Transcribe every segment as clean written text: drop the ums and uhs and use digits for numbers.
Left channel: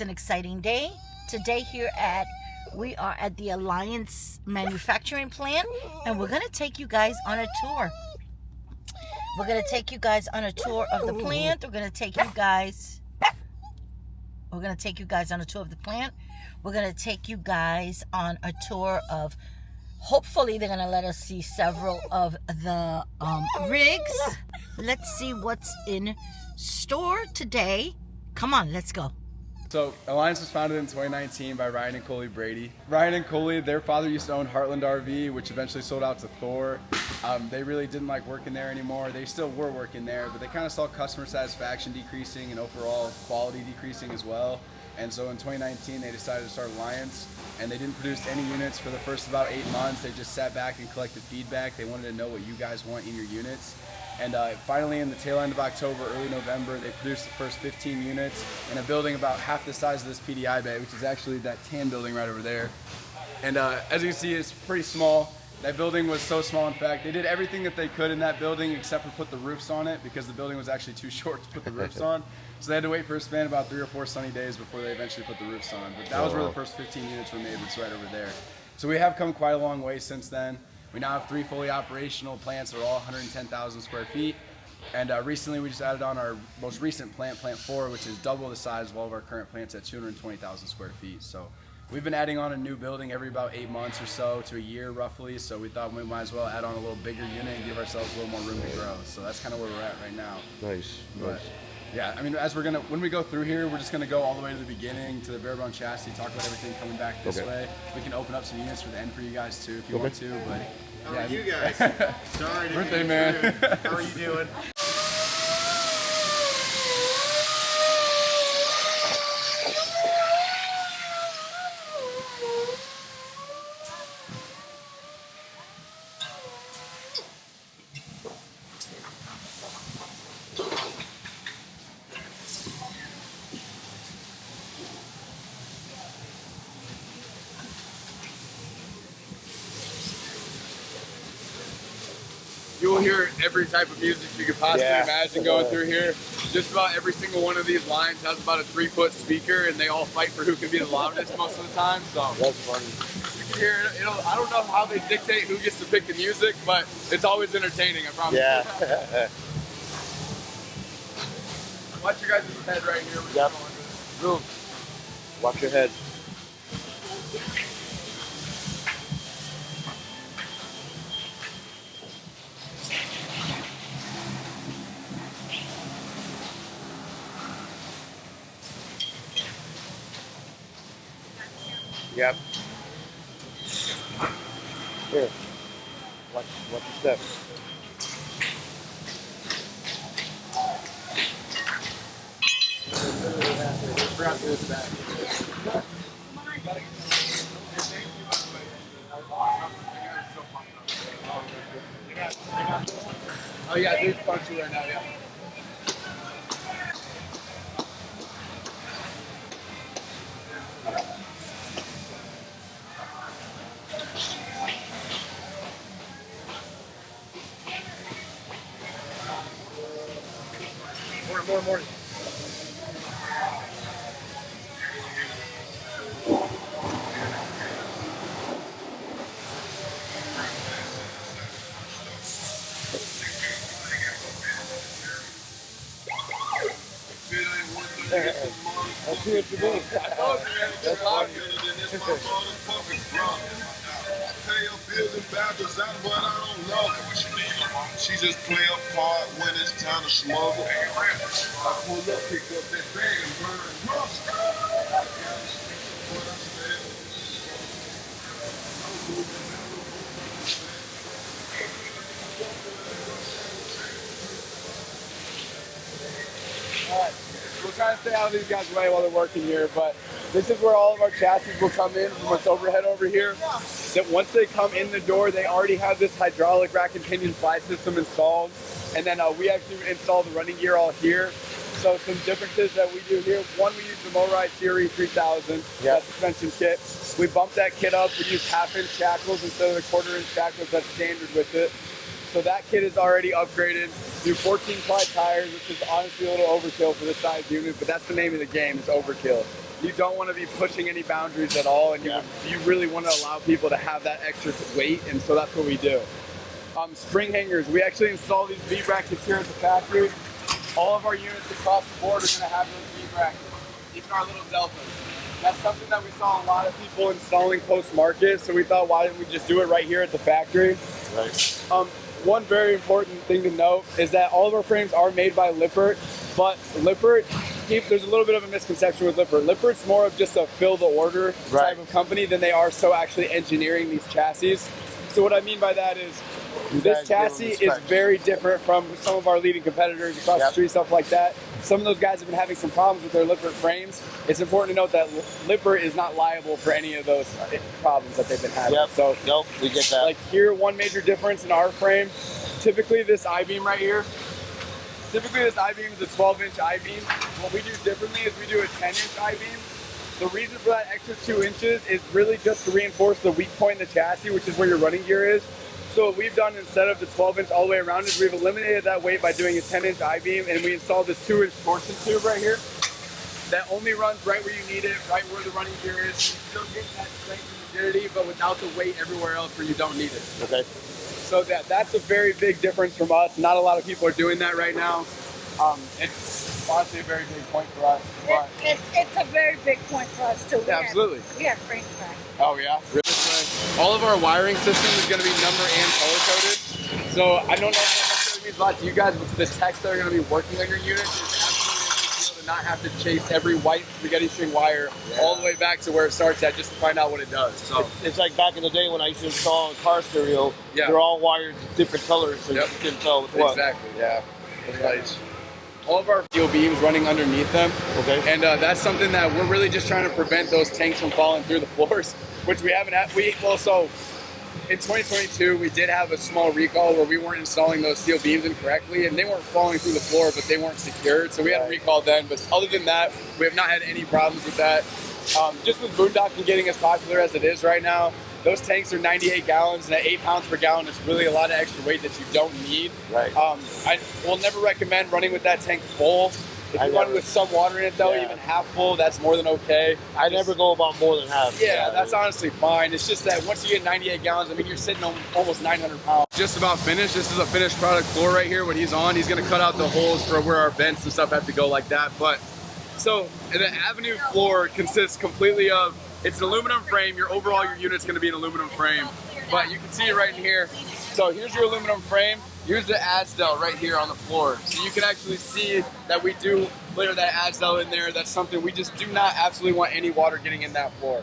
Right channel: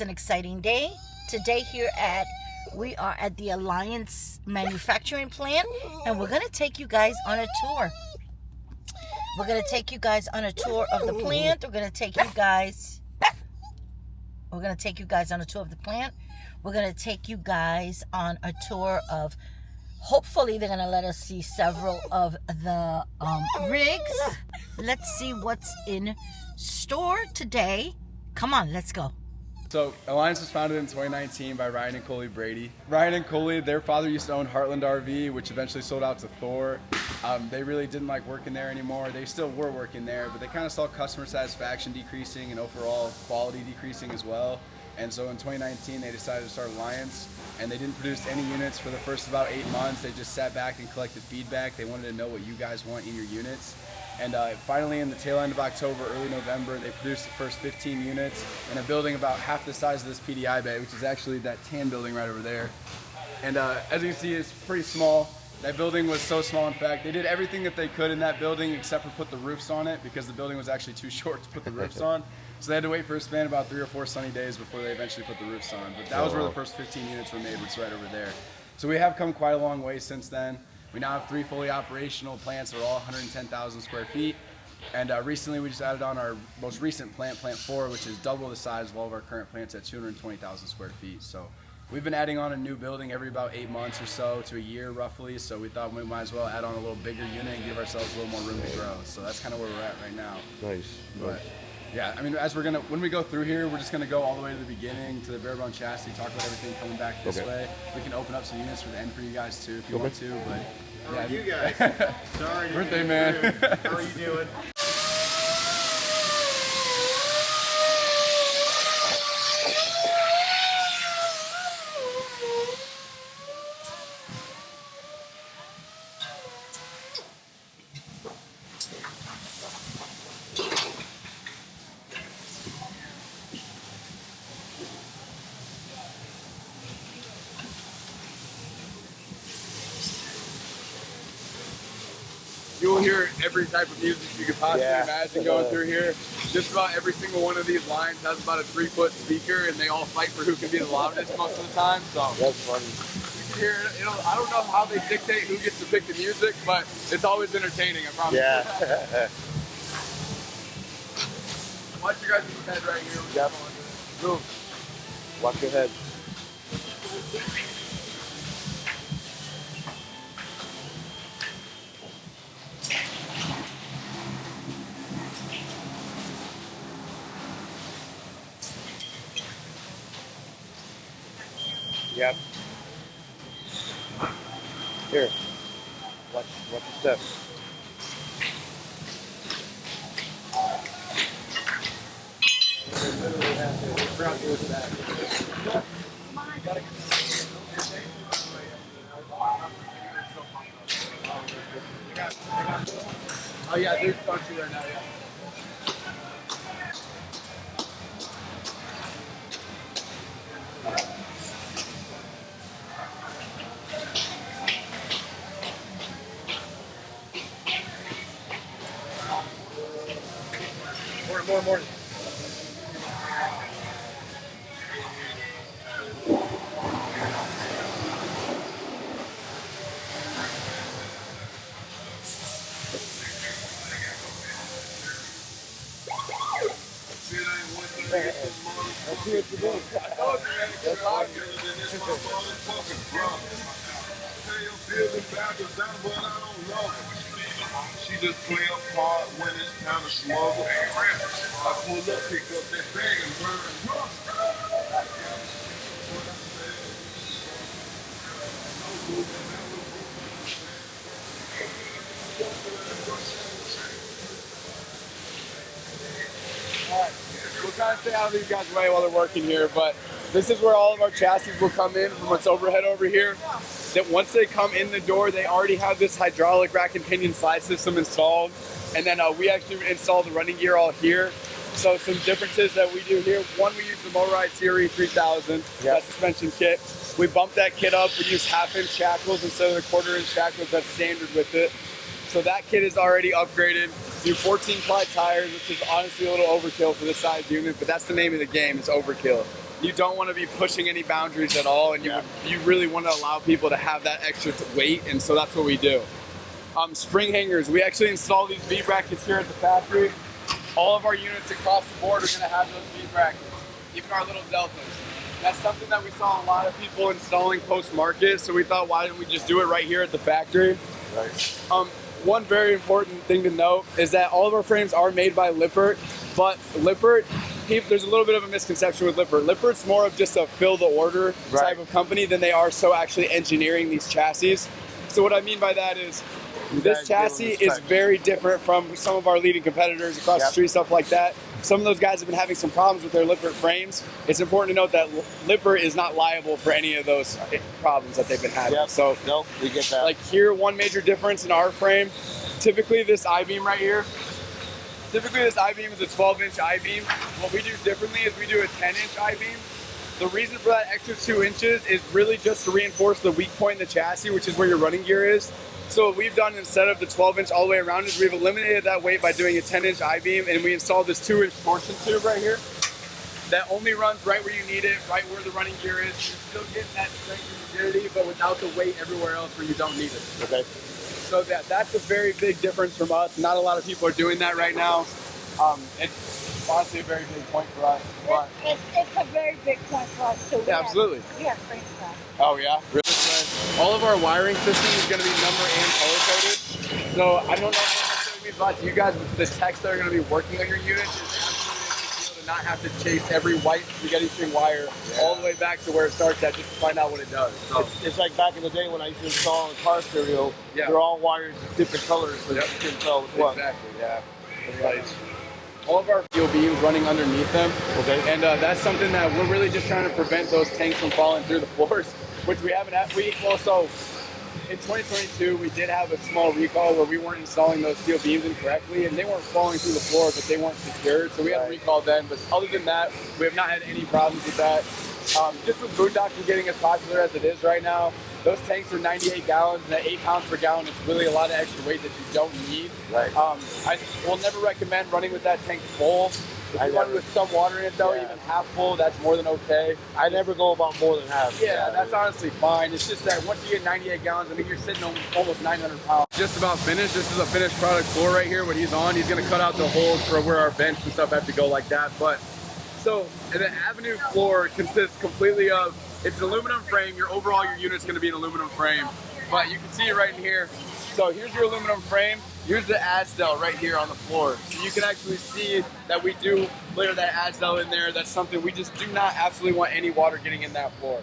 It's an exciting day. Today we are at the Alliance manufacturing plant, and we're going to take you guys on a tour. We're going to take you guys on a tour of the plant. We're going to take you guys on a tour of the plant. We're going to take you guys on a tour of, hopefully they're going to let us see several of the rigs. Let's see what's in store today. Come on, let's go. So Alliance was founded in 2019 by Ryan and Coley Brady. Ryan and Coley, their father used to own Heartland RV, which eventually sold out to Thor. They really didn't like working there anymore. They still were working there, but they kind of saw customer satisfaction decreasing and overall quality decreasing as well. And so in 2019, they decided to start Alliance, and they didn't produce any units for the first about 8 months. They just sat back and collected feedback. They wanted to know what you guys want in your units. And finally, in the tail end of October, early November, they produced the first 15 units in a building about half the size of this PDI bay, which is actually that tan building right over there. And as you see, it's pretty small. That building was so small, in fact, they did everything that they could in that building except for put the roofs on it, because the building was actually too short to put the roofs on. So they had to wait for a span of about 3 or 4 sunny days before they eventually put the roofs on. But that was where the first 15 units were made, was right over there. So we have come quite a long way since then. We now have 3 fully operational plants that are all 110,000 square feet. And recently we just added on our most recent plant, Plant 4, which is double the size of all of our current plants at 220,000 square feet. So we've been adding on a new building every about 8 months or so to a year roughly. So we thought we might as well add on a little bigger unit and give ourselves a little more room to grow. So that's kind of where we're at right now. Nice. Yeah, I mean, when we go through here, we're just gonna go all the way to the beginning, to the bare bone chassis, talk about everything coming back this way. We can open up some units for the end for you guys too, if you want to. But how are you guys? Sorry, birthday man. How are you doing? You will hear every type of music you could possibly imagine going through here. Just about every single one of these lines has about a 3-foot speaker, and they all fight for who can be the loudest most of the time. So that's funny. You can hear it. I don't know how they dictate who gets to pick the music, but it's always entertaining, I promise. Yeah. Watch your guys' head right here. Yep. Boom. Watch your head. Yep. Here. Watch your steps. Oh yeah, there's a bunch there now, yeah. More. Let's see what you mean. That's funny. She just play a part when it's time to smuggle. I pull up, pick up that bag and burn rust. We'll kind of stay out of these guys' way while they're working here, but this is where all of our chassis will come in from what's overhead over here. That once they come in the door, they already have this hydraulic rack and pinion slide system installed. And then we actually install the running gear all here. So some differences that we do here. One, we use the Motorride Series 3000, that suspension kit. We bump that kit up. We use 1/2-inch shackles instead of the 1/4-inch shackles that's standard with it. So that kit is already upgraded. Do 14-ply tires, which is honestly a little overkill for this size unit, but that's the name of the game, it's overkill. you don't want to be pushing any boundaries at all, and you really want to allow people to have that extra weight, and so that's what we do. Spring hangers, we actually install these V brackets here at the factory. All of our units across the board are going to have those V brackets, even our little deltas. That's something that we saw a lot of people installing post-market, so we thought, why didn't we just do it right here at the factory? Right. One very important thing to note is that all of our frames are made by LIPPERT, but LIPPERT, there's a little bit of a misconception with LIPPERT. LIPPERT's more of just a fill-the-order type of company than they are so actually engineering these chassis. So what I mean by that is, this chassis is very different from some of our leading competitors across the street, stuff like that. Some of those guys have been having some problems with their LIPPERT frames. It's important to note that LIPPERT is not liable for any of those problems that they've been having. So, we get that. Like here, one major difference in our frame, typically this I-beam right here, typically this I-beam is a 12-inch I-beam. What we do differently is we do a 10-inch I-beam. The reason for that extra 2 inches is really just to reinforce the weak point in the chassis, which is where your running gear is. So what we've done instead of the 12-inch all the way around is we've eliminated that weight by doing a 10-inch I-beam, and we installed this 2-inch torsion tube right here that only runs right where you need it, right where the running gear is. You're still getting that strength and rigidity, but without the weight everywhere else where you don't need it. Okay. So that's a very big difference from us. Not a lot of people are doing that right now. It's honestly a very big point for us. But It's a very big point for us too. yeah, absolutely. We have great fun. Oh yeah? Really? All of our wiring system is going to be number and color coded. So I don't know if that means a lot to you guys, but the techs that are going to be working on your unit is absolutely a big deal to not have to chase every white spaghetti string wire all the way back to where it starts at just to find out what it does. So it's like back in the day when I used to install a car stereo. They're all wired different colors, so you can tell what. Exactly. Yeah. That's nice. All of our steel beams running underneath them. Okay. And that's something that we're really just trying to prevent those tanks from falling through the floors, which we haven't had. So in 2022, we did have a small recall where we weren't installing those steel beams incorrectly, and they weren't falling through the floor, but they weren't secured. So we had to recall them. But other than that, we have not had any problems with that. Just with boondocking getting as popular as it is right now, those tanks are 98 gallons, and at 8 pounds per gallon is really a lot of extra weight that you don't need. Right. I will never recommend running with that tank full. If you run with some water in it though, even half full, that's more than okay. I never go about more than half. Yeah, that's honestly fine. It's just that once you get 98 gallons, I mean, you're sitting on almost 900 pounds. Just about finished. This is a finished product floor right here. What he's on, he's going to cut out the holes for where our vents and stuff have to go like that. But so the Avenue floor consists completely of, it's an aluminum frame. Your unit's going to be an aluminum frame. But you can see it right in here. So here's your aluminum frame. Here's the Adsdel right here on the floor. So you can actually see that we do layer that Adsdel in there. That's something we just do not absolutely want any water getting in that floor.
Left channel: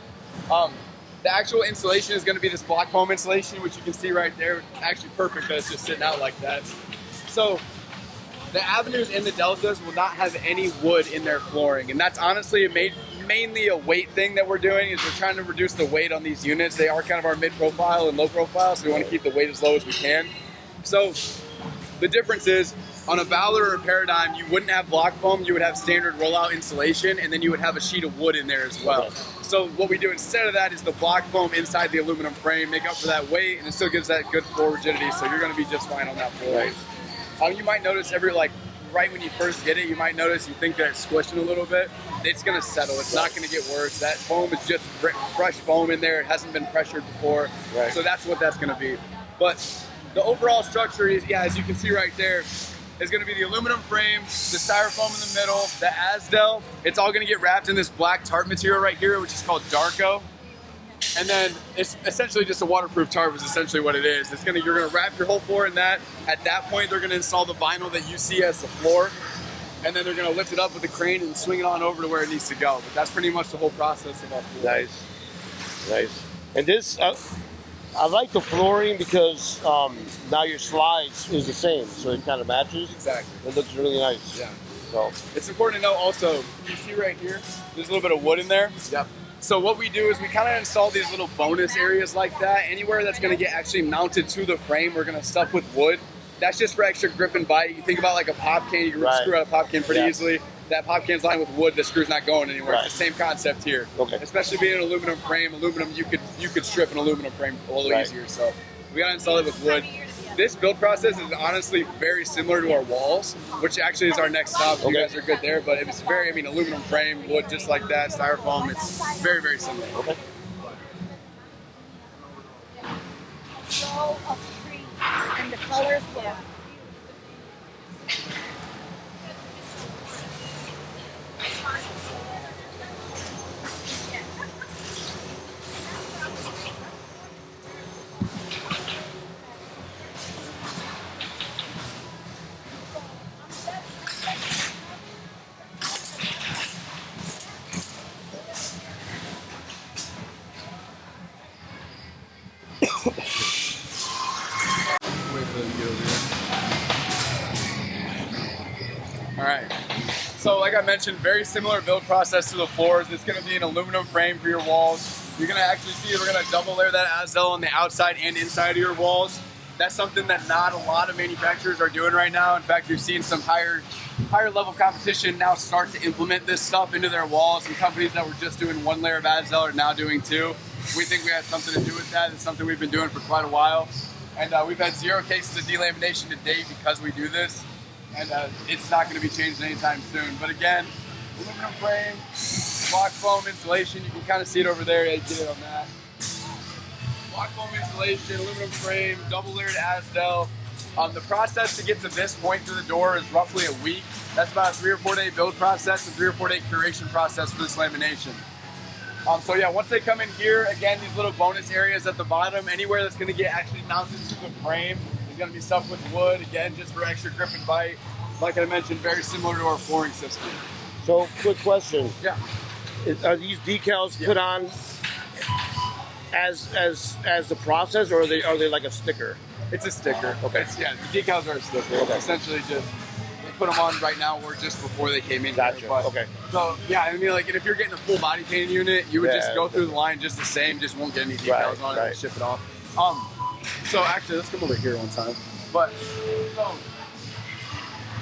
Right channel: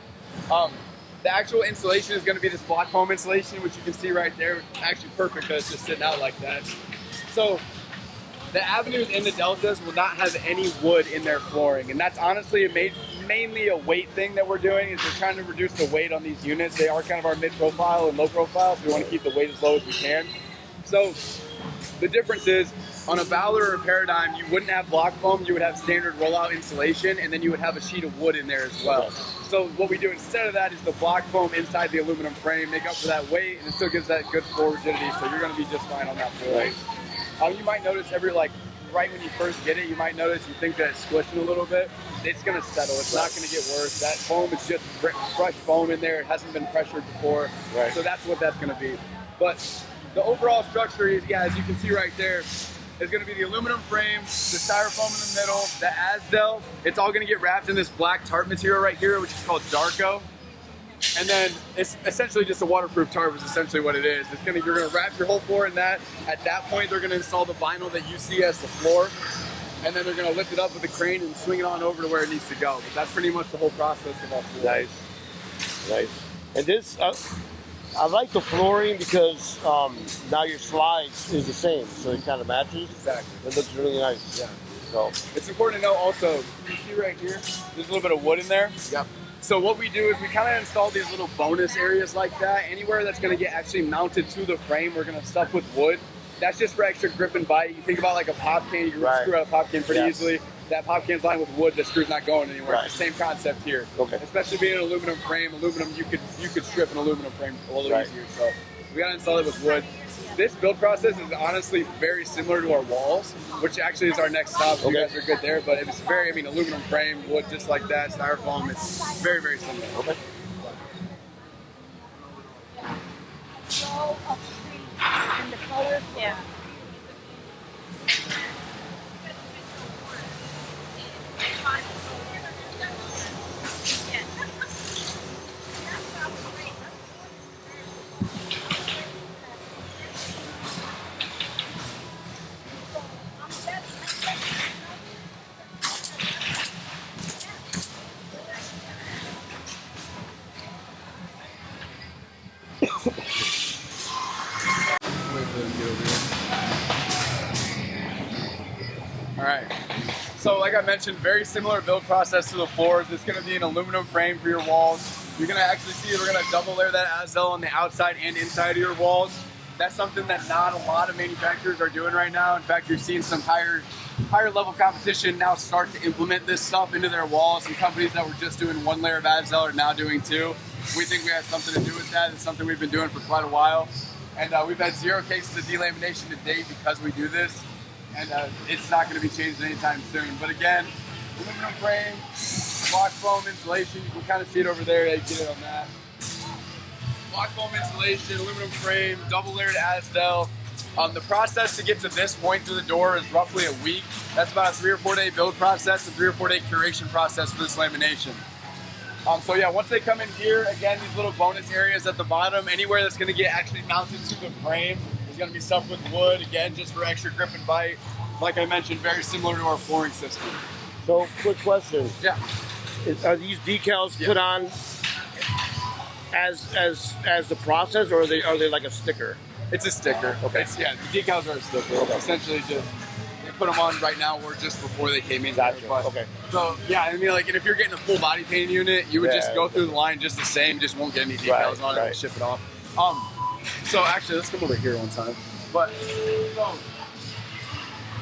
The actual insulation is going to be this block foam insulation, which you can see right there. Actually perfect because it's just sitting out like that. So the Avenues and the Deltas will not have any wood in their flooring. And that's honestly mainly a weight thing that we're doing, is we're trying to reduce the weight on these units. They are kind of our mid-profile and low-profile, so we want to keep the weight as low as we can. So the difference is, on a Valor or Paradigm, you wouldn't have block foam, you would have standard rollout insulation, and then you would have a sheet of wood in there as well. So what we do instead of that is the block foam inside the aluminum frame, make up for that weight, and it still gives that good floor rigidity, so you're going to be just fine on that floor. You might notice right when you first get it, you might notice and think that it's squishing a little bit. It's going to settle. It's not going to get worse. That foam is just fresh foam in there. It hasn't been pressured before. So that's what that's going to be. But the overall structure is, as you can see right there, is going to be the aluminum frame, the styrofoam in the middle, the Azdel. It's all going to get wrapped in this black tarp material right here, which is called Yargo. And then it's essentially just a waterproof tarp is essentially what it is. You're gonna wrap your whole floor in that. At that point, they're gonna install the vinyl that you see as the floor, and then they're gonna lift it up with a crane and swing it on over to where it needs to go. But that's pretty much the whole process of our floor. Nice. And this, I like the flooring because now your slides is the same, so it kind of matches. Exactly. It looks really nice. Yeah. So it's important to know also, you see right here, there's a little bit of wood in there. Yep. So what we do is we kind of install these little bonus areas like that. Anywhere that's going to get actually mounted to the frame, we're going to stuff with wood. That's just for extra grip and bite. You think about like a pop can, you can screw out a pop can pretty easily. That pop can's lined with wood, the screw's not going anywhere. It's the same concept here. Especially being an aluminum frame, you could strip an aluminum frame a little easier. So We gotta install it with wood. This build process is honestly very similar to our walls, which actually is our next stop. You guys are good there, but it was very, I mean, aluminum frame, wood just like that, styrofoam. It's very, very similar. Okay. Row of trees and the colors. Yeah. Wait for them to get over here. All right. So like I mentioned, very similar build process to the floors. It's gonna be an aluminum frame for your walls. You're gonna actually see we're gonna double layer that Azdel on the outside and inside of your walls. That's something that not a lot of manufacturers are doing right now. In fact, you're seeing some higher level competition now start to implement this stuff into their walls. Some companies that were just doing one layer of Azdel are now doing two. We think we had something to do with that. It's something we've been doing for quite a while. And we've had 0 cases of delamination to date because we do this. And it's not going to be changed anytime soon. But again, aluminum frame, block foam insulation. You can kind of see it over there. Yeah, you get it on that. Block foam insulation, aluminum frame, double layered Azdel. The process to get to this point through the door is roughly a week. That's about a 3 or 4 day build process and 3 or 4 day curation process for this lamination. So yeah, once they come in here, again, these little bonus areas at the bottom, anywhere that's going to get actually mounted to the frame is going to be stuff with wood, again, just for extra grip and bite. Like I mentioned, very similar to our flooring system. So, quick question. Yeah. Are these decals put on as the process, or are they like a sticker? It's a sticker. Okay. Yeah, the decals are a sticker. Okay. It's essentially just, they put them on right now or just before they came in. Gotcha. Here. But, Okay. So, yeah, I mean, like, if you're getting a full body painted unit, you would just go through the line just the same, just won't get any decals on it and ship it off. So actually, let's come over here one time. But, so,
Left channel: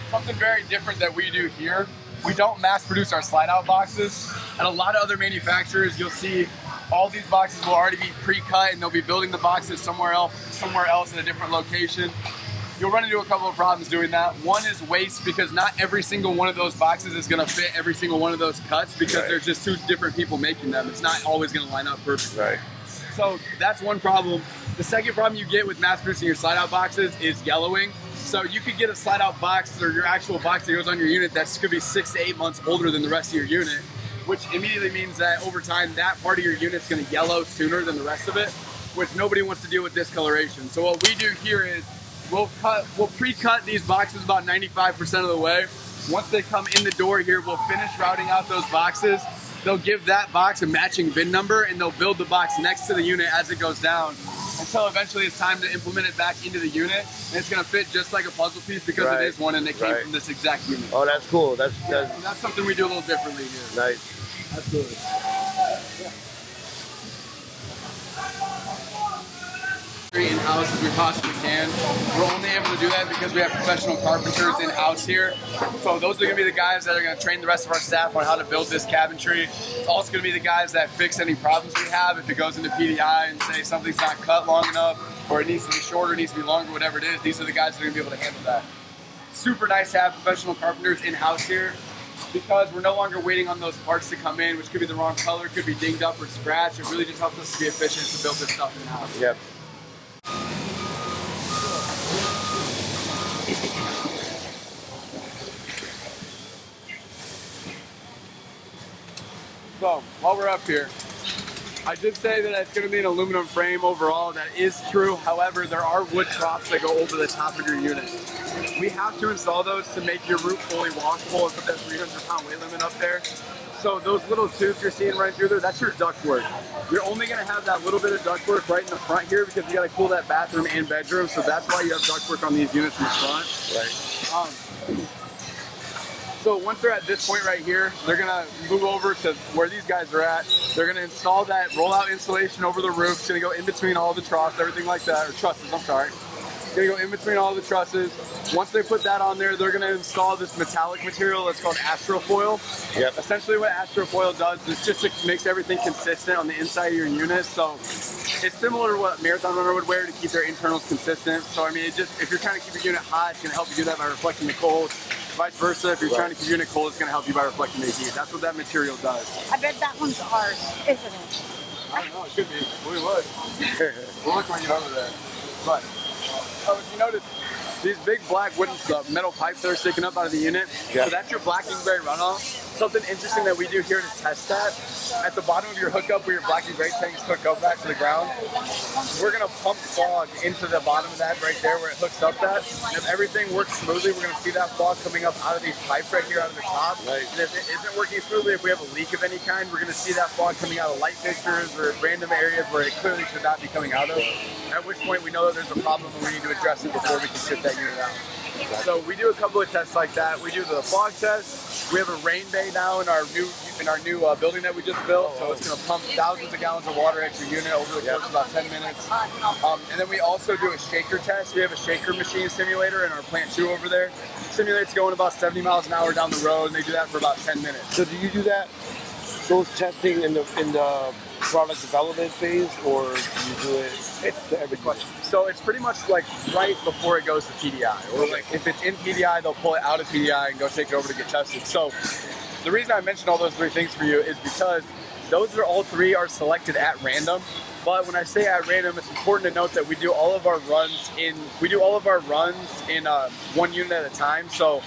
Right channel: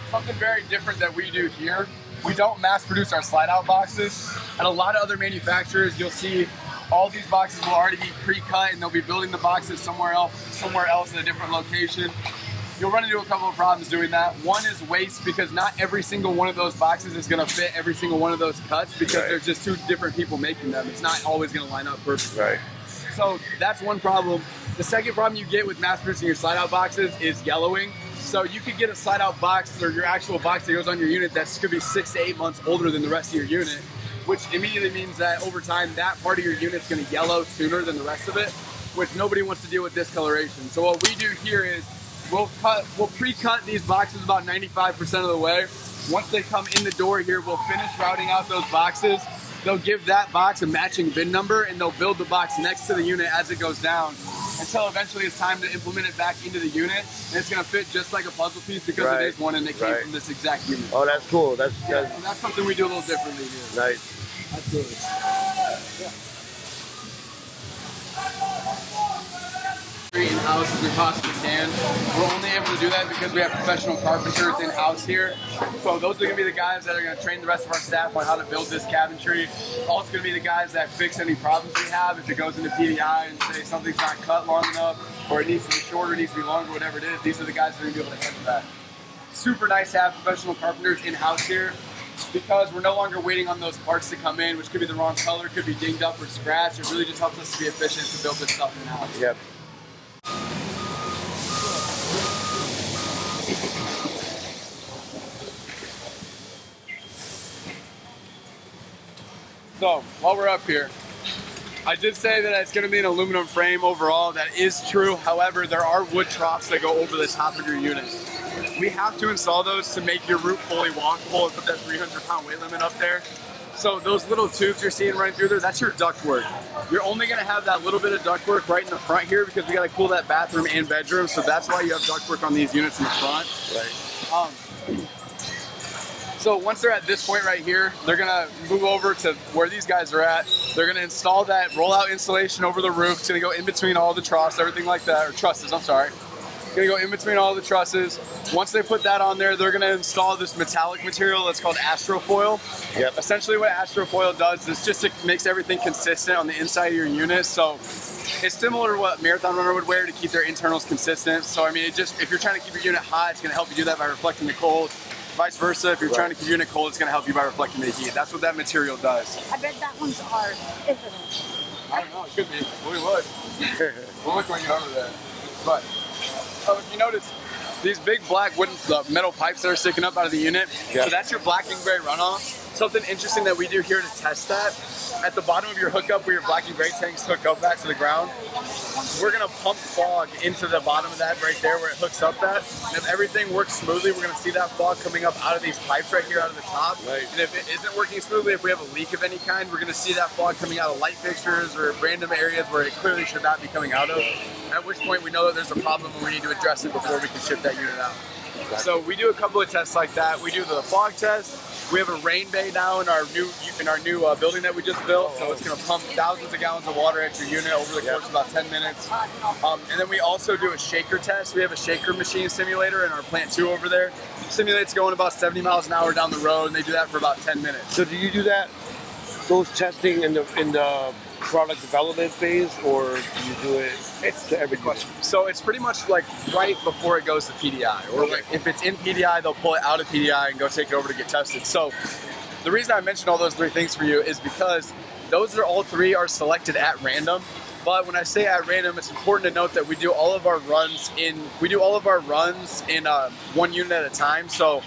something very different that we do here, we don't mass produce our slide out boxes. At a lot of other manufacturers, you'll see all these boxes will already be pre-cut and they'll be building the boxes somewhere else at a different location. You'll run into a couple of problems doing that. One is waste, because not every single one of those boxes is gonna fit every single one of those cuts, because there's just 2 different people making them. It's not always gonna line up perfectly. Right. So that's one problem. The second problem you get with mass producing your slide out boxes is yellowing. So you could get a slide out box, or your actual box that goes on your unit, that's could be 6 to 8 months older than the rest of your unit, which immediately means that over time, that part of your unit's gonna yellow sooner than the rest of it, which nobody wants to deal with discoloration. So what we do here is we'll pre-cut these boxes about 95% of the way. Once they come in the door here, we'll finish routing out those boxes. They'll give that box a matching VIN number, and they'll build the box next to the unit as it goes down, until eventually it's time to implement it back into the unit. And it's gonna fit just like a puzzle piece, because it is one and it came from this exact unit. Oh, that's cool. That's something we do a little differently here. nice. Absolutely. In-house as we possibly can. We're only able to do that because we have professional carpenters in-house here. So those are gonna be the guys that are gonna train the rest of our staff on how to build this cabinetry. It's also gonna be the guys that fix any problems we have. If it goes into PDI and say something's not cut long enough, or it needs to be shorter, needs to be longer, whatever it is, these are the guys that are gonna be able to handle that. Super nice to have professional carpenters in-house here, because we're no longer waiting on those parts to come in, which could be the wrong color, could be dinged up or scratched. It really just helps us to be efficient to build this stuff in-house. Yep. So, while we're up here, I did say that it's going to be an aluminum frame overall. That is true. However, there are wood troughs that go over the top of your unit. We have to install those to make your roof fully walkable and put that 300-pound weight limit up there. So those little tubes you're seeing right through there, that's your ductwork. You're only going to have that little bit of ductwork right in the front here, because we got to cool that bathroom and bedroom. So that's why you have ductwork on these units in the front. Right. So once they're at this point right here, they're gonna move over to where these guys are at. They're gonna install that rollout insulation over the roof. It's gonna go in between all the troughs, everything like that, or trusses, I'm sorry. gonna go in between all the trusses. Once they put that on there, they're gonna install this metallic material that's called astrofoil. Yep. Essentially what astrofoil does is just it makes everything consistent on the inside of your unit. So it's similar to what marathon runner would wear to keep their internals consistent. So I mean, it just, if you're trying to keep your unit hot, it's gonna help you do that by reflecting the cold. Vice versa, if you're trying to keep your unit cold, it's gonna help you by reflecting the heat. That's what that material does. I bet that one's hard, isn't it? I don't know, it could be. We would. We'll look when you're under there. But, so if you notice, these big black wooden metal pipes that are sticking up out of the unit, so that's your blacking gray runoff. Something interesting that we do here to test that, at the bottom of your hookup where your blacking gray tanks hook up back to the ground, we're gonna pump fog into the bottom of that right there where it hooks up that. And if everything works smoothly, we're gonna see that fog coming up out of these pipes right here out of the top. Right. And if it isn't working smoothly, if we have a leak of any kind, we're gonna see that fog coming out of light fixtures or random areas where it clearly should not be coming out of. At which point we know that there's a problem and we need to address it before we can ship that unit out. So we do a couple of tests like that. We do the fog test. We have a rain bay now in our new building that we just built. So it's going to pump thousands of gallons of water at your unit over the course of about 10 minutes. And then we also do a shaker test. We have a shaker machine simulator in our plant 2 over there. Simulates going about 70 miles an hour down the road, and they do that for about 10 minutes. So do you do that, those testing in the product development phase, or do you do it to every question? So it's pretty much like right before it goes to PDI. Or like if it's in PDI, they'll pull it out of PDI and go take it over to get tested. So the reason I mentioned all those 3 things for you is because those are all 3 are selected at random. But when I say at random, it's important to note that we do all of our runs in one unit at a time. So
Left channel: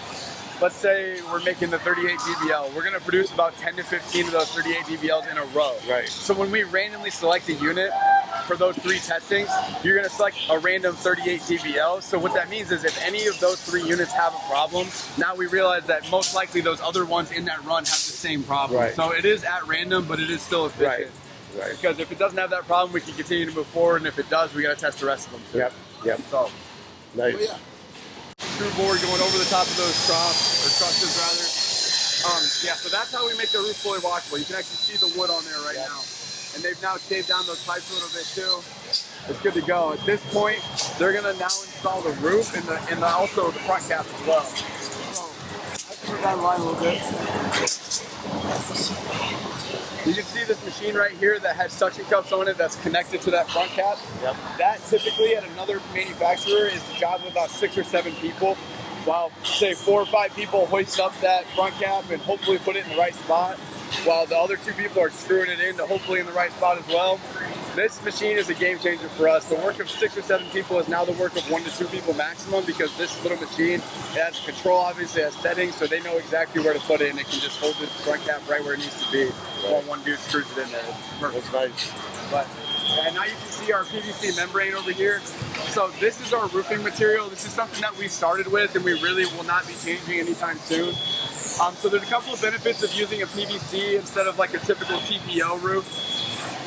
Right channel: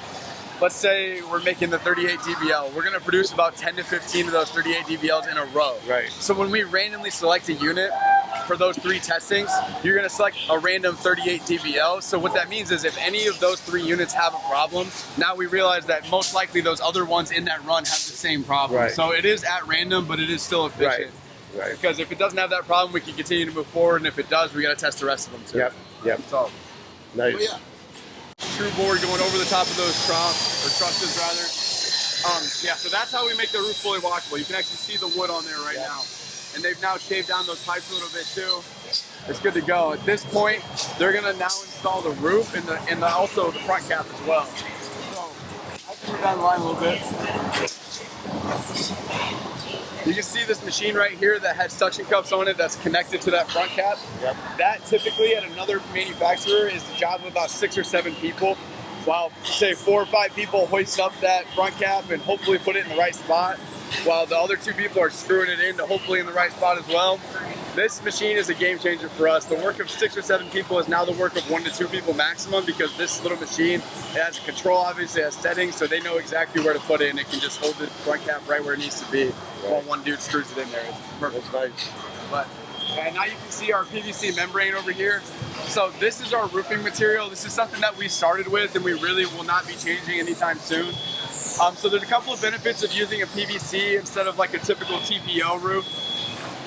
let's say we're making the 38 DBL. We're gonna produce about 10 to 15 of those 38 DBLs in a row. Right. So when we randomly select a unit for those 3 testings, you're gonna select a random 38 DBL. So what that means is if any of those 3 units have a problem, now we realize that most likely those other ones in that run have the same problem. Right. So it is at random, but it is still efficient. Right. Because if it doesn't have that problem, we can continue to move forward, and if it does, we gotta test the rest of them too. Yep. So, Nice. oh, yeah. Screw board going over the top of those trusses rather. Yeah, so that's how we make the roof fully washable. You can actually see the wood on there right now. And they've now shaved down those pipes a little bit too. It's good to go. At this point, they're gonna now install the roof and also the front cap as well. So I'll turn it down the line a little bit. You can see this machine right here that has suction cups on it that's connected to that front cap. Yep. That typically at another manufacturer is the job of about 6 or 7 people, while say 4 or 5 people hoist up that front cap and hopefully put it in the right spot, while the other 2 people are screwing it in to hopefully in the right spot as well. This machine is a game changer for us. The work of 6 or 7 people is now the work of 1 to 2 people maximum, because this little machine, it has control, obviously it has settings, so they know exactly where to put it, and it can just hold the front cap right where it needs to be while 1 dude screws it in there. It's perfect. That's nice. But and now you can see our PVC membrane over here. So this is our roofing material. This is something that we started with, and we really will not be changing anytime soon. So there's a couple of benefits of using a PVC instead of like a typical TPO roof.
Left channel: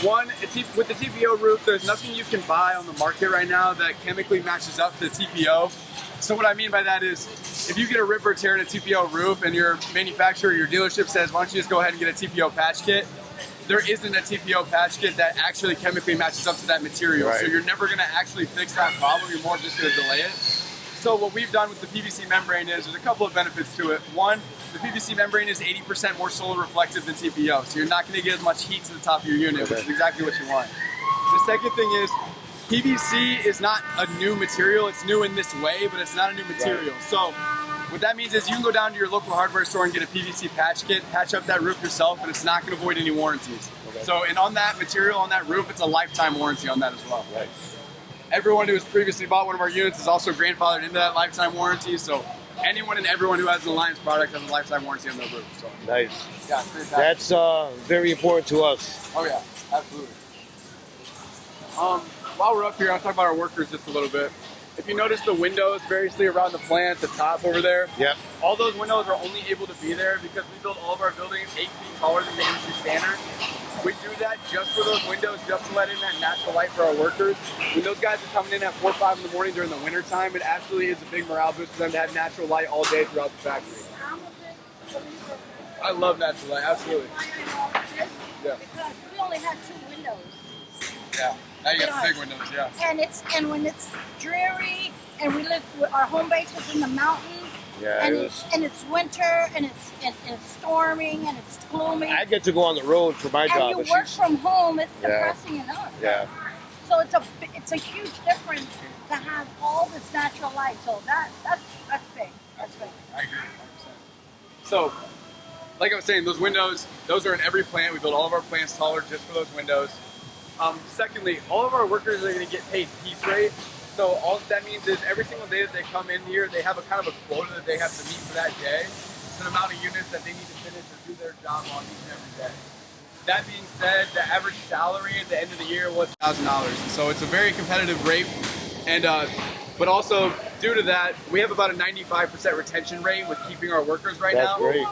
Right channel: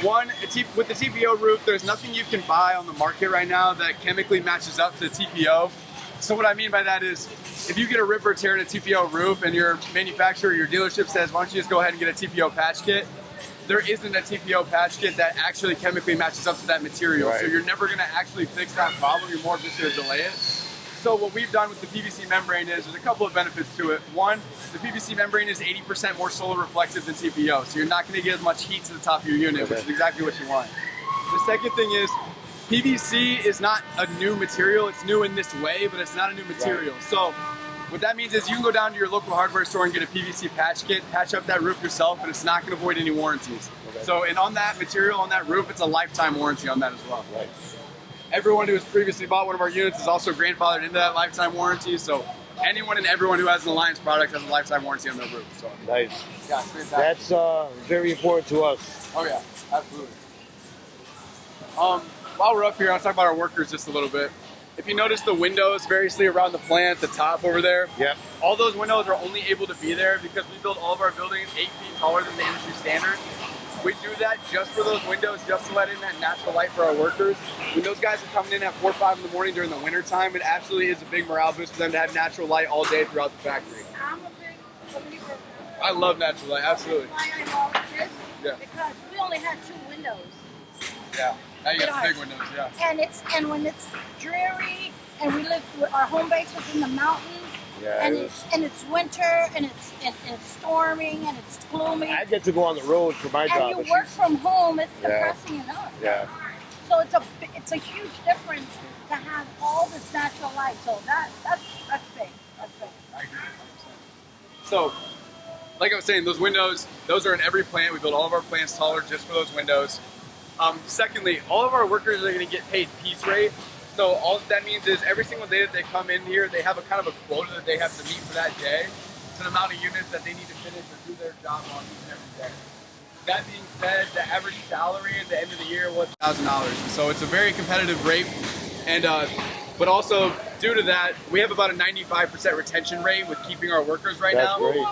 One, with the TPO roof, there's nothing you can buy on the market right now that chemically matches up to TPO. So what I mean by that is, if you get a rip or tear in a TPO roof and your manufacturer, your dealership says, why don't you just go ahead and get a TPO patch kit? There isn't a TPO patch kit that actually chemically matches up to that material. Right. So you're never gonna actually fix that problem, you're more just gonna delay it. So what we've done with the PVC membrane is, there's a couple of benefits to it. One, the PVC membrane is 80% more solar reflective than TPO, so you're not gonna get as much heat to the top of your unit, which is exactly what you want. The second thing is, PVC is not a new material. It's new in this way, but it's not a new material. Right. So what that means is you can go down to your local hardware store and get a PVC patch kit, patch up that roof yourself, and it's not going to void any warranties. Okay. So, and on that material, on that roof, it's a lifetime warranty on that as well. Right. Everyone who has previously bought one of our units is also grandfathered into that lifetime warranty. So anyone and everyone who has an Alliance product has a lifetime warranty on their roof. So nice. Yeah, it's fantastic. That's very important to us. Oh yeah, absolutely. While we're up here, I'll talk about our workers just a little bit. If you notice the windows variously around the plant, the top over there, yep. All those windows are only able to be there because we build all of our buildings 8 feet taller than the industry standard. We do that just for those windows, just to let in that natural light for our workers. When those guys are coming in at 4 or 5 in the morning during the winter time, it absolutely is a big morale boost for them to have natural light all day throughout the factory. I'm a big believer. I love natural light, absolutely. Why I love this? Yeah. Because we only had 2 windows. Yeah. Now you got the big windows, yeah. And when it's dreary and we live. Our home base was in the mountains. Yeah, and it was- it's winter, and it's storming, and it's gloomy. I get to go on the road for my and job. you but work she's- from home. It's Yeah. depressing enough. Yeah. So it's a huge difference to have all this natural light. So that's big. That's big. I agree 100%. So, like I was saying, those windows, those are in every plant. We build all of our plants taller just for those windows. Secondly, all of our workers are going to get paid piece rate. So all that means is every single day that they come in here, they have a kind of a quota that they have to meet for that day. It's an amount of units that they need to finish or do their job on each and every day. That being said, the average salary at the end of the year was $1,000. So it's a very competitive rate. And but also due to that, we have about a 95% retention rate with keeping our workers right That's now. great.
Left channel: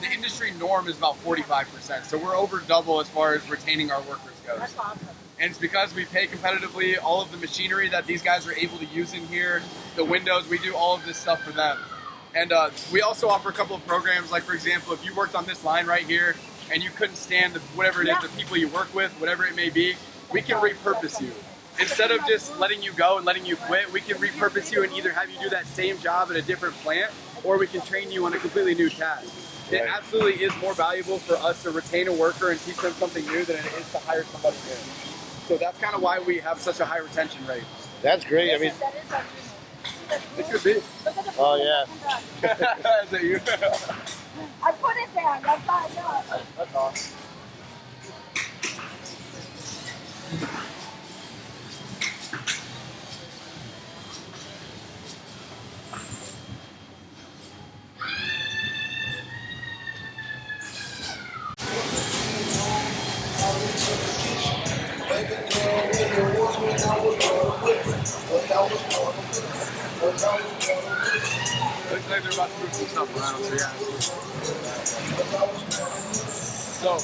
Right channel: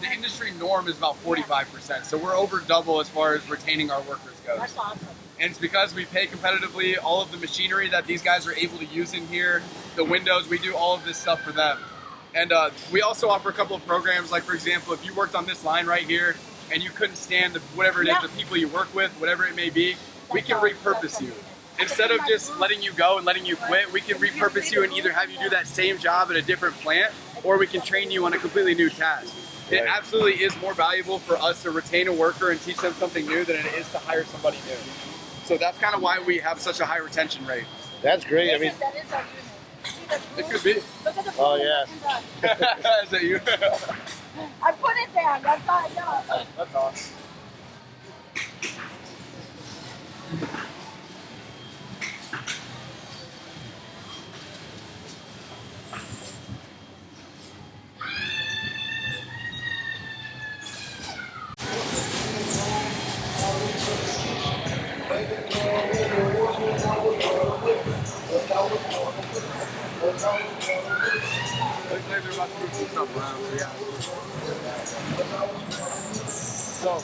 The industry norm is about 45%. So we're over double as far as retaining our workers goes. That's awesome. And it's because we pay competitively. All of the machinery that these guys are able to use in here, the windows, we do all of this stuff for them. And we also offer a couple of programs, like for example, if you worked on this line right here and you couldn't stand whatever it is, the people you work with, whatever it may be, we can repurpose you. Instead of just letting you go and letting you quit, we can repurpose you and either have you do that same job at a different plant, or we can train you on a completely new task. It Right. absolutely is more valuable for us to retain a worker and teach them something new than it is to hire somebody new. So that's kind of why we have such a high retention rate. That's great. I mean, That is our unit. See the It could be. Look at the Oh, blue yeah. Is that you? I put it down. That's how I know. That's awesome. Looks like they're about to move some stuff around, so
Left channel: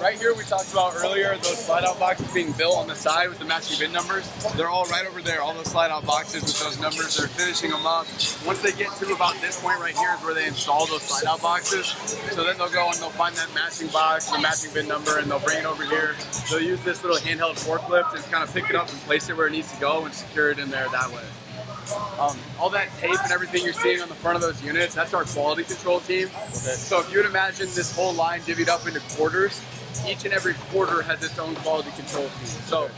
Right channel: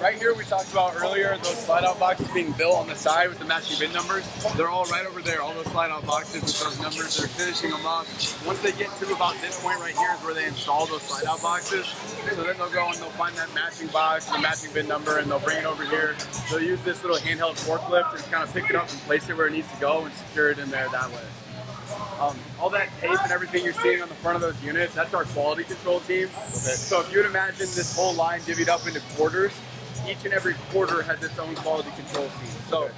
right here we talked about earlier, those slide out boxes being built on the side with the matching VIN numbers. They're all right over there, all those slide out boxes with those numbers. They're finishing them up. Once they get to about this point right here is where they install those slide out boxes. So then they'll go and they'll find that matching box, the matching VIN number, and they'll bring it over here. They'll use this little handheld forklift and kind of pick it up and place it where it needs to go and secure it in there that way. All that tape and everything you're seeing on the front of those units, that's our quality control team. Okay. So if you would imagine this whole line divvied up into quarters, each and every quarter has its own quality control team. So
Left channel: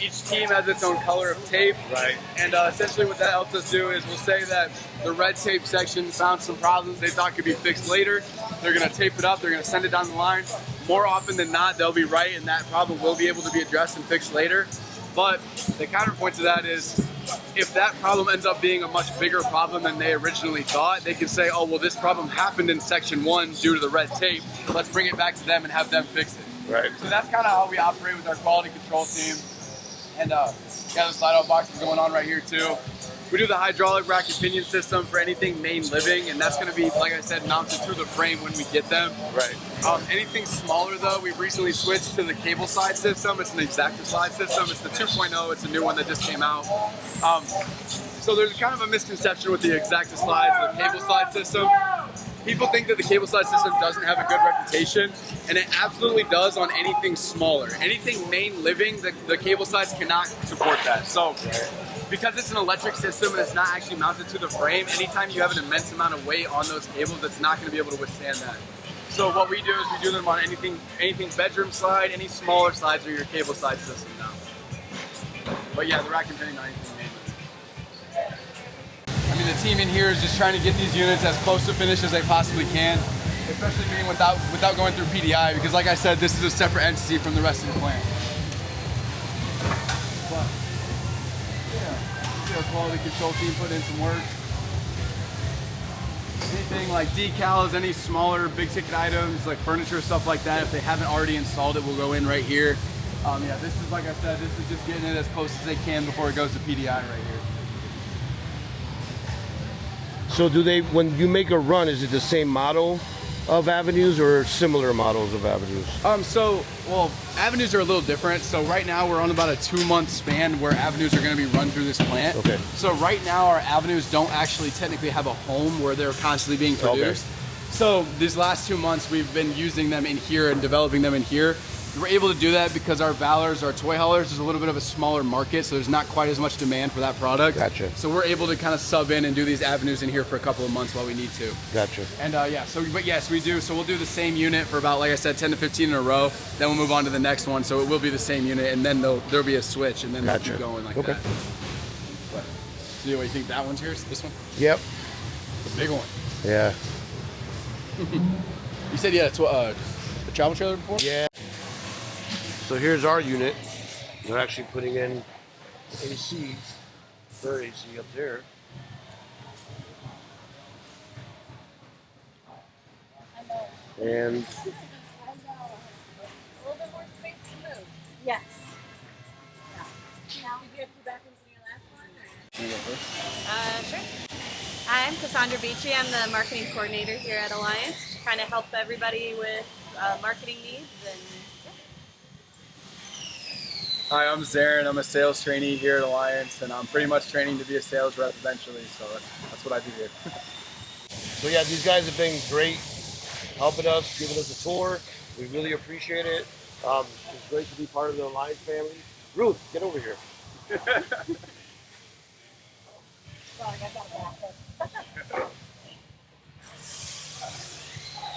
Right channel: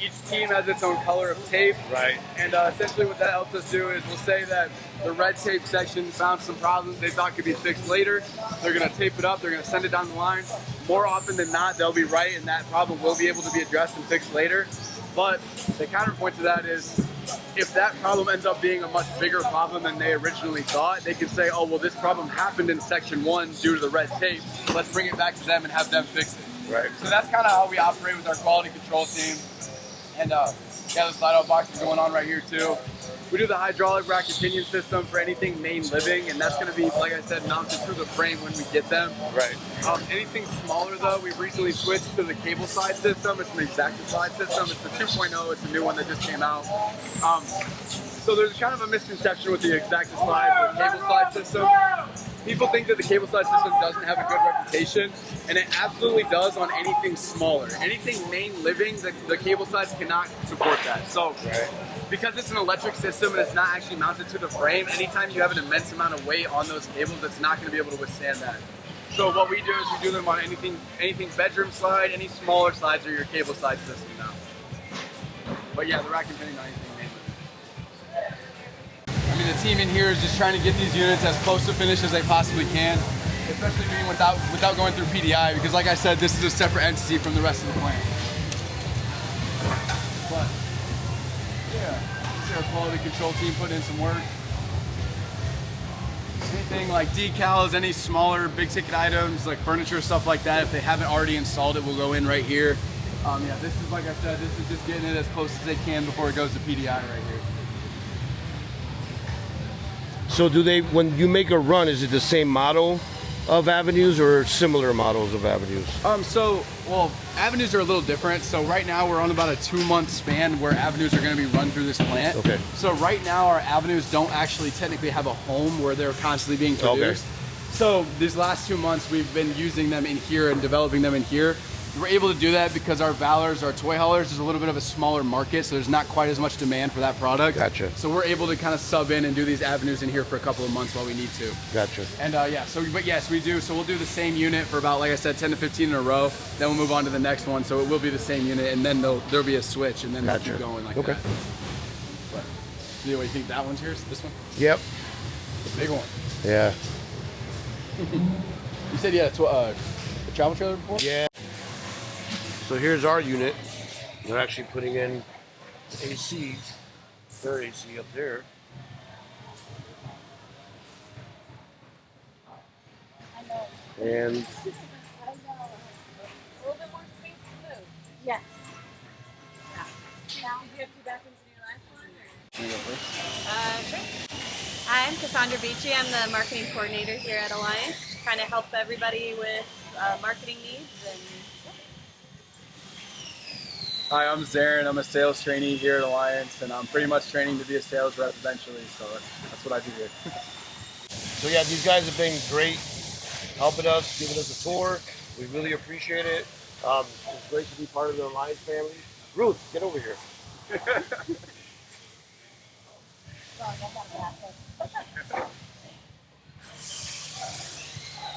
each team has its own color of tape. Right. And essentially what that helps us do is we'll say that the red tape section found some problems they thought could be fixed later. They're going to tape it up. They're going to send it down the line. More often than not, they'll be right, and that problem will be able to be addressed and fixed later. But the counterpoint to that is if that problem ends up being a much bigger problem than they originally thought, they can say, oh, well, this problem happened in section 1 due to the red tape. Let's bring it back to them and have them fix it. Right. So that's kind of how we operate with our quality control team. And yeah, the slide out box is going on right here too. We do the hydraulic rack and pinion system for anything main living, and that's going to be, like I said, mounted to the frame when we get them. Right. Anything smaller though, we've recently switched to the cable slide system. It's an exacta slide system. It's the 2.0. It's a new one that just came out. So there's kind of a misconception with the exacta slide, the cable slide system. People think that the cable slide system doesn't have a good reputation, and it absolutely does on anything smaller. Anything main living, the cable slides cannot support that. So because it's an electric system and it's not actually mounted to the frame, anytime you have an immense amount of weight on those cables, it's not going to be able to withstand that. So what we do is we do them on anything bedroom slide, any smaller slides are your cable slide system now. But yeah, the rack and pinion on anything main living. I mean, the team in here is just trying to get these units as close to finish as they possibly can, especially being without going through PDI, because like I said, this is a separate entity from the rest of the plant. But yeah, see our quality control team putting in some work. Anything like decals, any smaller big ticket items like furniture, stuff like that, if they haven't already installed it, will go in right here. Yeah, this is, like I said, this is just getting it as close as they can before it goes to PDI right here. So do they, when you make a run, is it the same model of avenues or similar models of avenues? Well, avenues are a little different. So right now we're on about a 2-month span where avenues are going to be run through this plant. Okay. So right now our avenues don't actually technically have a home where they're constantly being produced. Okay. So these last 2 months we've been using them in here and developing them in here. we're able to do that because our Valors, our toy haulers, is a little bit of a smaller market, so there's not quite as much demand for that product. Gotcha. So we're able to kind of sub in and do these avenues in here for a couple of months while we need to. Gotcha. And yeah, so but yes, we do. So we'll do the same unit for about, like I said, 10 to 15 in a row. Then we'll move on to the next one. So it will be the same unit, and then there'll be a switch, and then we'll keep going like that. But do you think that one's yours? This one? Yep. The big one. Yeah. You said yeah, it's a travel trailer before? Yeah. So here's our unit. They're actually putting in AC, their AC up there. And Yes. Sure. Hi, I'm Cassandra Beachy. I'm the marketing coordinator here at Alliance, to kind of help everybody with marketing needs. And Hi, I'm Zarin. I'm a sales trainee here at Alliance, and I'm pretty much training to be a sales rep eventually, so that's what I do here. so yeah, these guys have been great, helping us, giving us a tour. We really appreciate it. It's great to be part of the Alliance family. Ruth, get over here.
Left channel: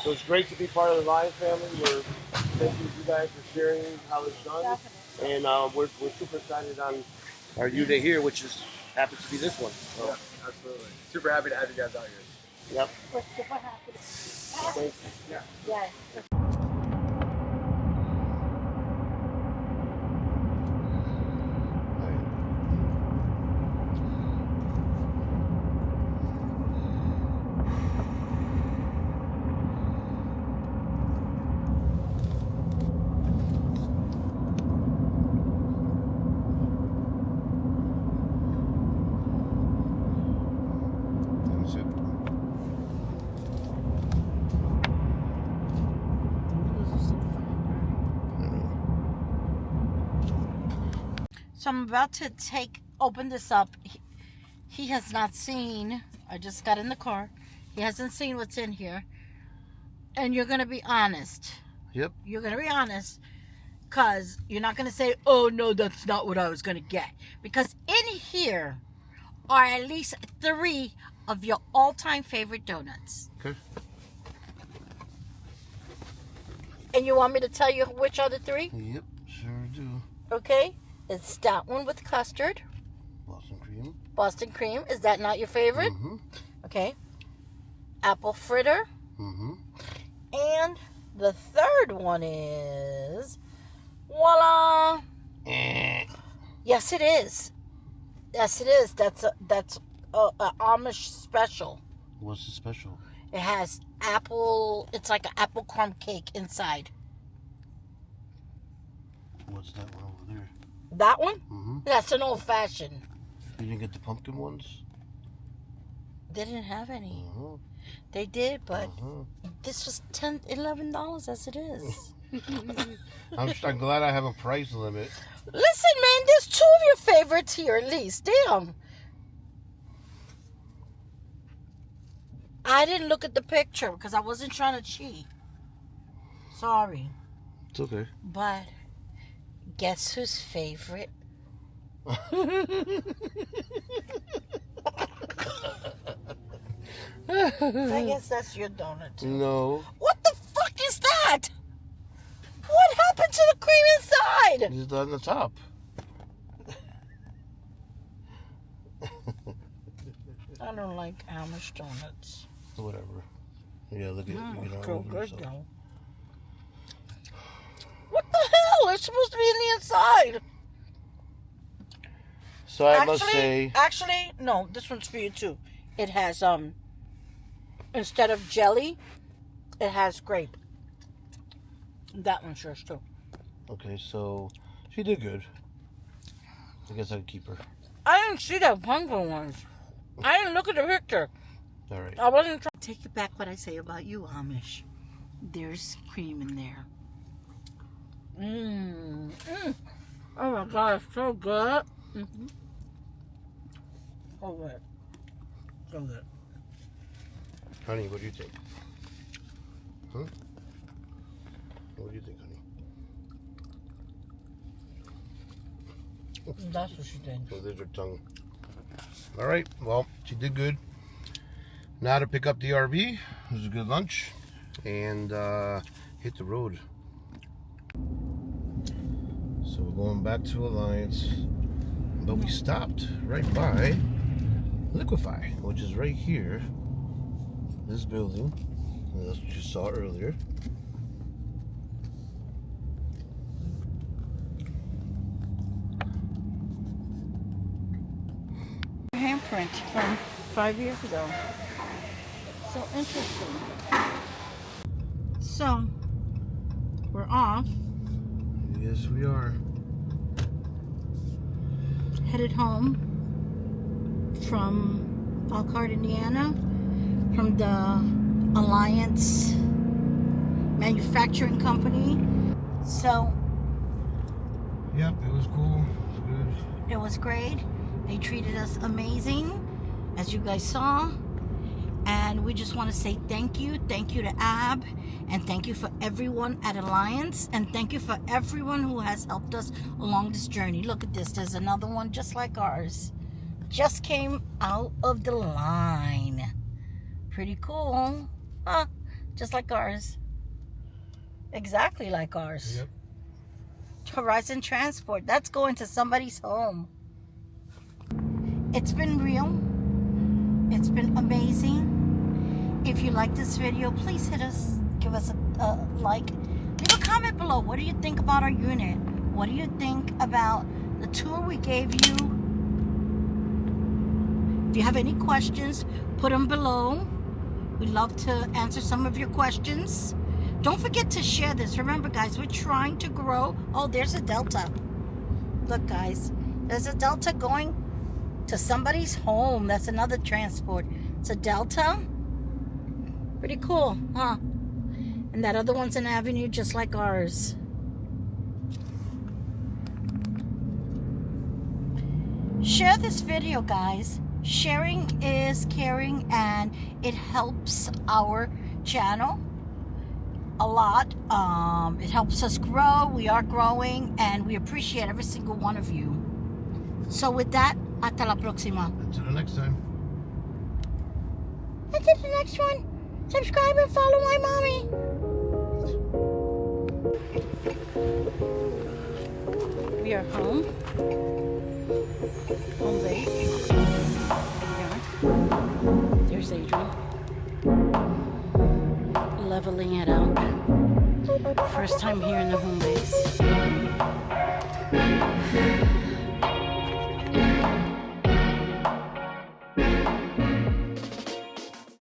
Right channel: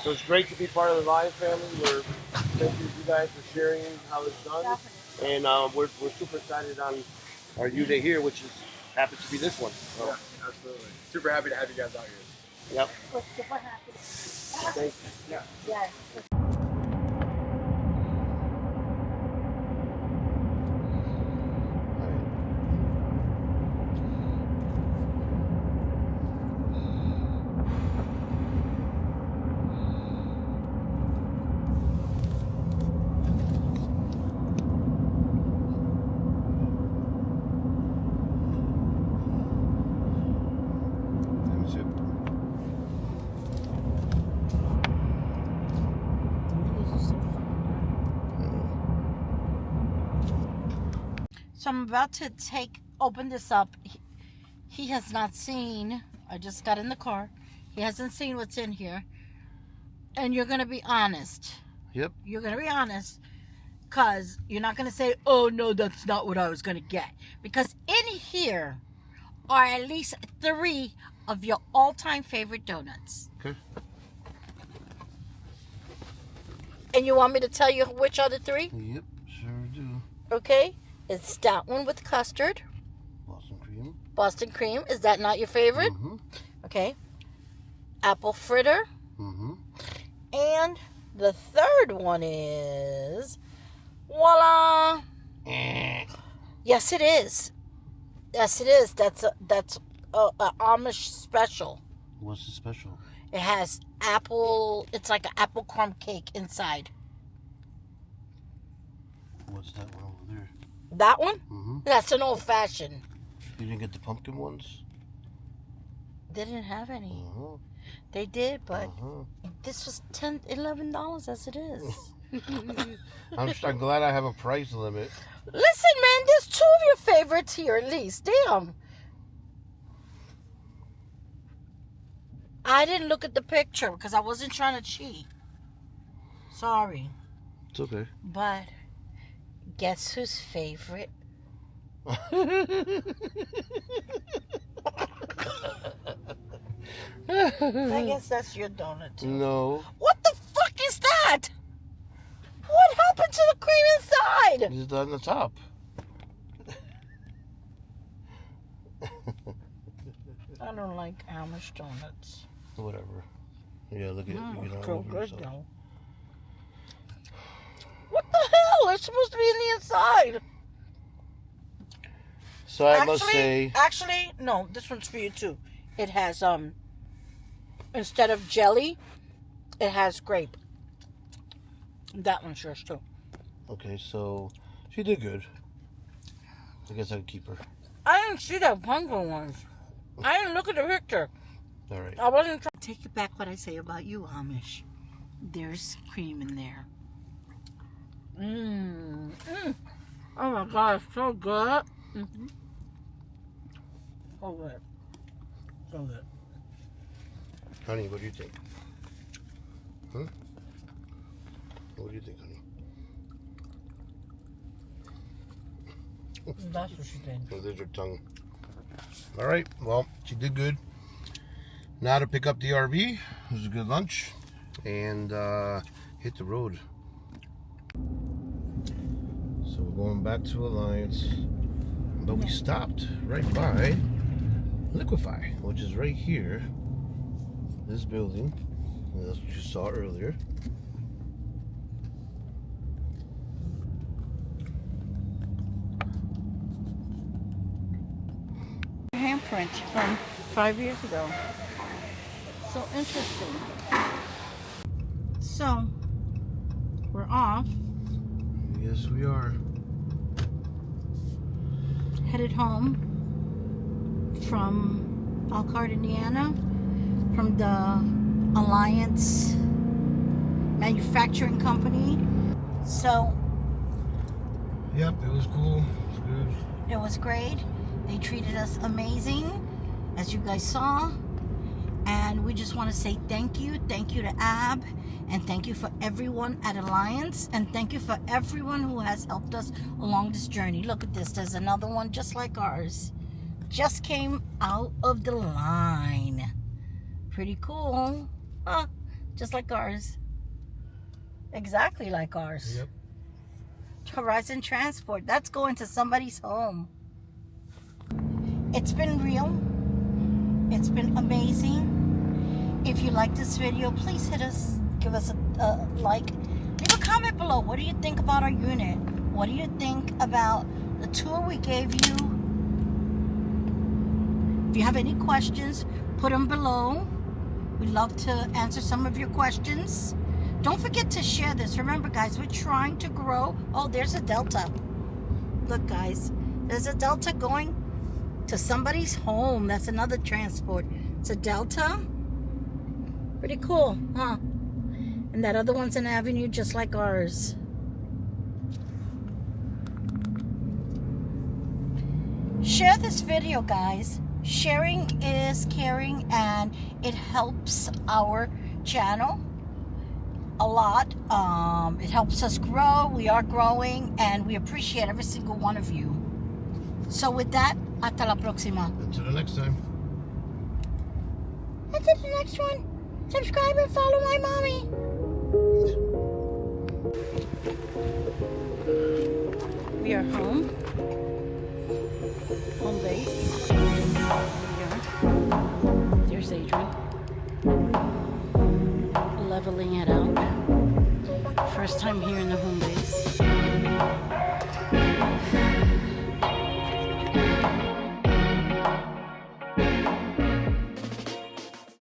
So it's great to be part of the Alliance family. We're thanking you guys for sharing how it's done. And we're super excited on our unit here, which happens to be this one. So. Yeah, absolutely. Super happy to have you guys out here. Yep. We're super happy. Thank you. Yeah. Yes. So I'm about to open this up. He has not seen, I just got in the car. He hasn't seen what's in here. And you're going to be honest. Yep. You're going to be honest. Because you're not going to say, oh, no, that's not what I was going to get. Because in here are at least 3 of your all-time favorite donuts. Okay. And you want me to tell you which are the 3? Yep, sure do. Okay. It's that one with custard. Boston cream. Boston cream. Is that not your favorite? Mm-hmm. Okay. Apple fritter. Mm-hmm. And the third one is, voila. Yes, it is. Yes, it is. That's a Amish special. What's the special? It has apple. It's like an apple crumb cake inside. What's that one over there? That one? Mm-hmm. That's an old fashioned. You didn't get the pumpkin ones? They didn't have any. Uh-huh. They did, but Uh-huh. this was $10, $11 as it is. I'm glad I have a price limit. Listen, man, there's 2 of your favorites here at least. Damn. I didn't look at the picture because I wasn't trying to cheat. Sorry. It's okay. But guess whose favorite? I guess that's your donut too. No. What the fuck is that? What happened to the cream inside? It's on the top. I don't like Amish donuts. Whatever. Yeah, look at it. So good though. What the hell? It's supposed to be in the inside. So I must say, Actually, no, this one's for you too. It has instead of jelly, it has grape. That one's yours too. okay, so she did good. I guess I can keep her. I didn't see that pumpkin one. I didn't look at the picture. All right. I wasn't trying to take it back what I say about you, Amish. There's cream in there. Oh my God, it's so good. Mm-hmm. Oh, good. So good. Honey, what do you think? Huh? What do you think, honey? That's what she did. The lizard tongue. All right. Well, she did good. Now to pick up the RV. It was a good lunch. And hit the road. So we're going back to Alliance. But we stopped right by Liquefy, which is right here. This building. And that's what you saw earlier. Handprint from 5 years ago. So interesting. So we're off. Yes, we are. Headed home from Elkhart, Indiana, from the Alliance Manufacturing Company. So Yep, it was cool. It was good. it was great. They treated us amazing, as you guys saw. And we just want to say thank you. Thank you to Ab. And thank you for everyone at Alliance. And thank you for everyone who has helped us along this journey. Look at this. There's another one just like ours. Just came out of the line. Pretty cool. Huh? Just like ours. Exactly like ours. Yep. Horizon Transport. That's going to somebody's home. It's been real. It's been amazing. If you like this video, please hit us. Give us a like. Leave a comment below. What do you think about our unit? What do you think about the tour we gave you? If you have any questions, put them below. We'd love to answer some of your questions. Don't forget to share this. Remember, guys, we're trying to grow. Oh, there's a Delta. Look, guys, there's a Delta going to somebody's home. That's another transport. It's a Delta. Pretty cool, huh? And that other one's an Avenue just like ours. Share this video, guys. Sharing is caring, and it helps our channel a lot. It helps us grow. We are growing, and we appreciate every single one of you. So with that, hasta la próxima. Until the next time. Until the next one. Subscribe and follow my mommy. We are home. Home base. There we are. There's Adrian. Leveling it out. First time here in the home base.